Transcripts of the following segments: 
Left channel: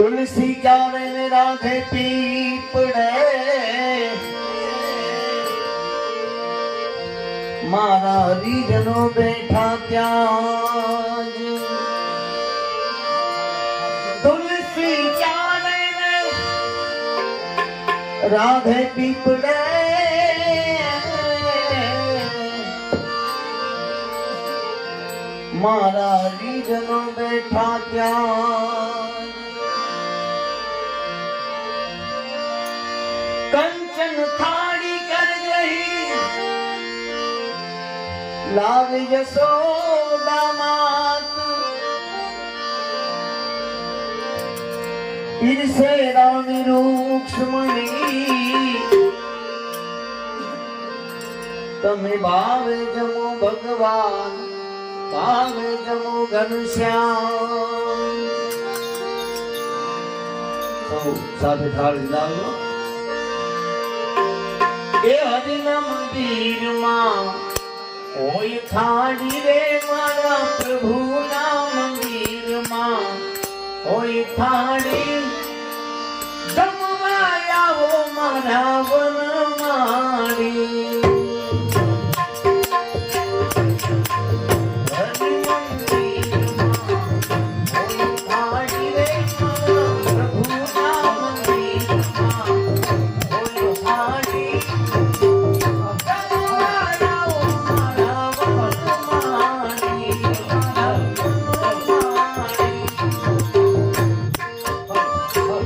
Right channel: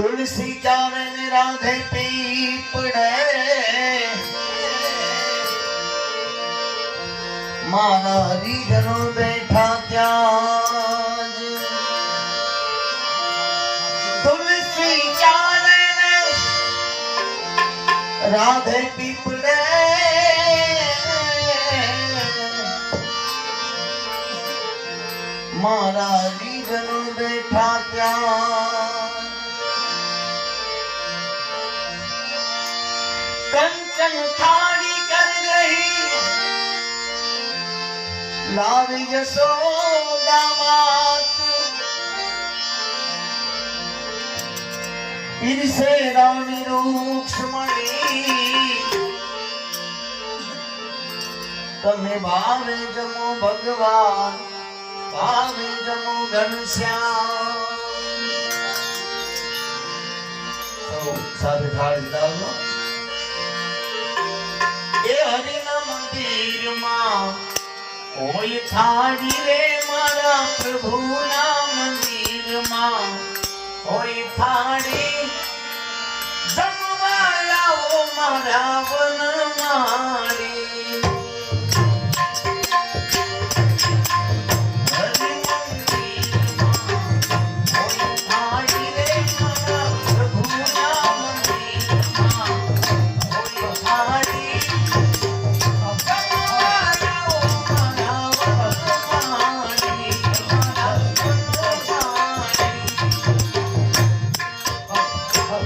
तुलसी चारण राधे पीपणे मारा रीधनो बैठा त्याग। तुलसी चारण राधे पीपणे मारा रीधनो કંચન થાળી કર રહી લાવી જશોદા માત ઈર્ષે રાણી તમે ભાવે જમો ભગવાન ભાવે જમો ઘનશ્યામ સાથે થાળી લાવો એ હરિના મંદિરમાં કોઈ થાળી રે મારા પ્રભુના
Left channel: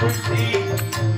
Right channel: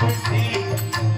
Thank you.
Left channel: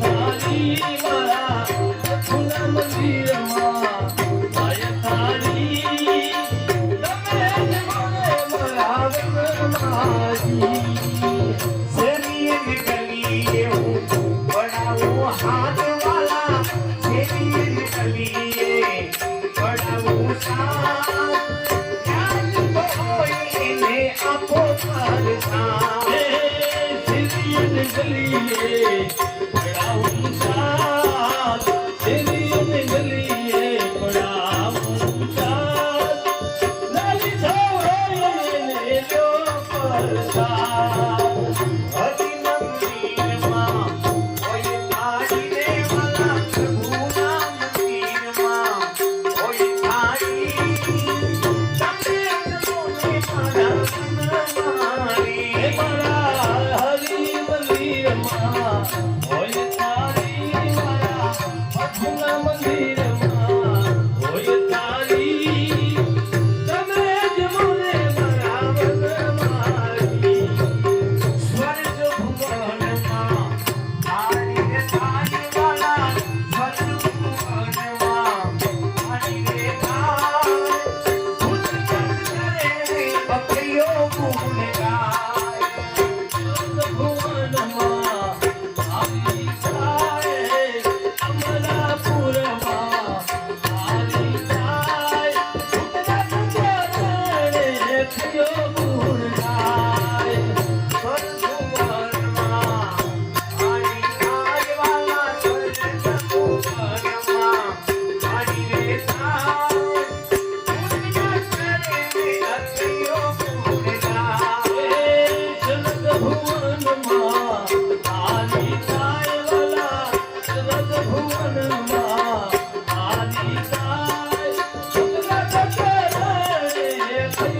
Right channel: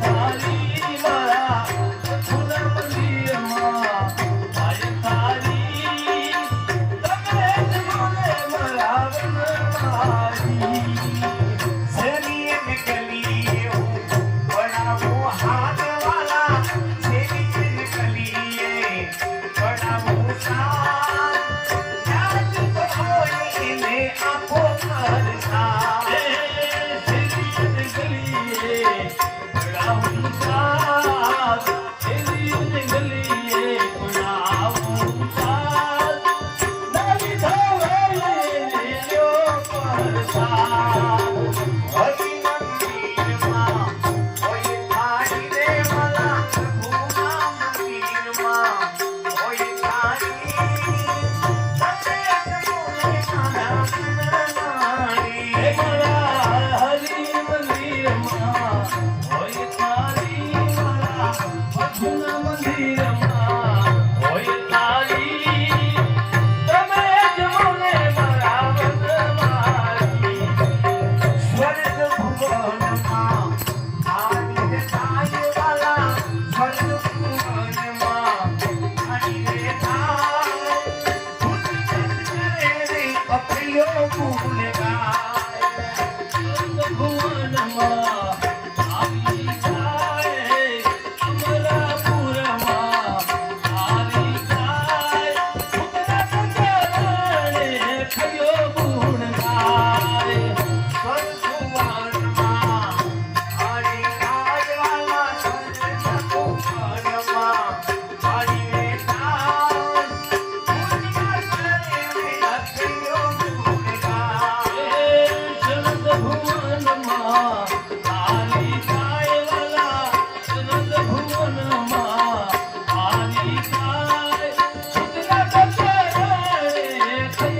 Thank you.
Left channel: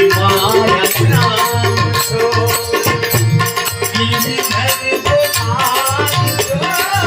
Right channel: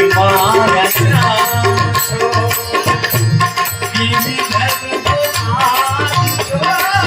Thank you.